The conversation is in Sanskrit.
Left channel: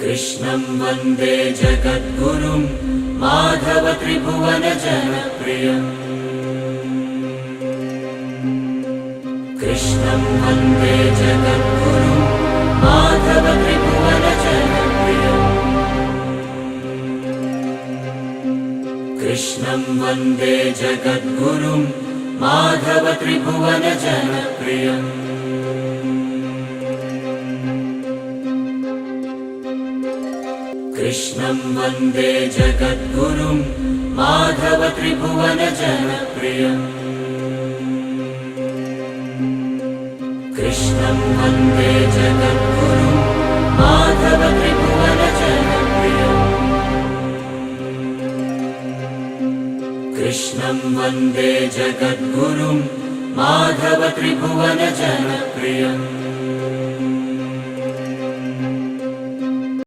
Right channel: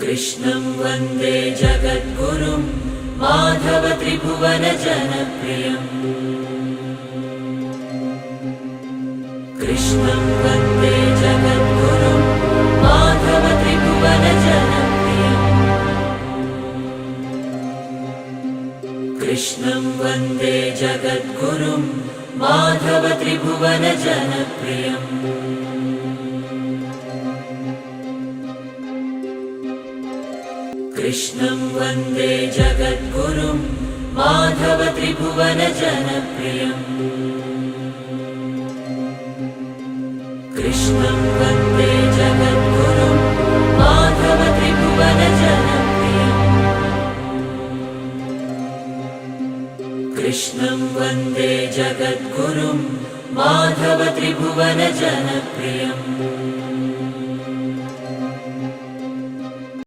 कृष्णं वन्दे जगद्गुरुं माधव त्रिभुवन जनप्रियम् कृष्णं वन्दे जगद्गुरुं माधव त्रिभुवन जनप्रियम् कृष्णं वन्दे जगद्गुरुं माधव त्रिभुवन जनप्रियम् कृष्णं वन्दे जगद्गुरुं माधव त्रिभुवन जनप्रियम् कृष्णं वन्दे जगद्गुरुं माधव त्रिभुवन जनप्रियम् कृष्णं वन्दे जगद्गुरुं माधव त्रिभुवन जनप्रियम्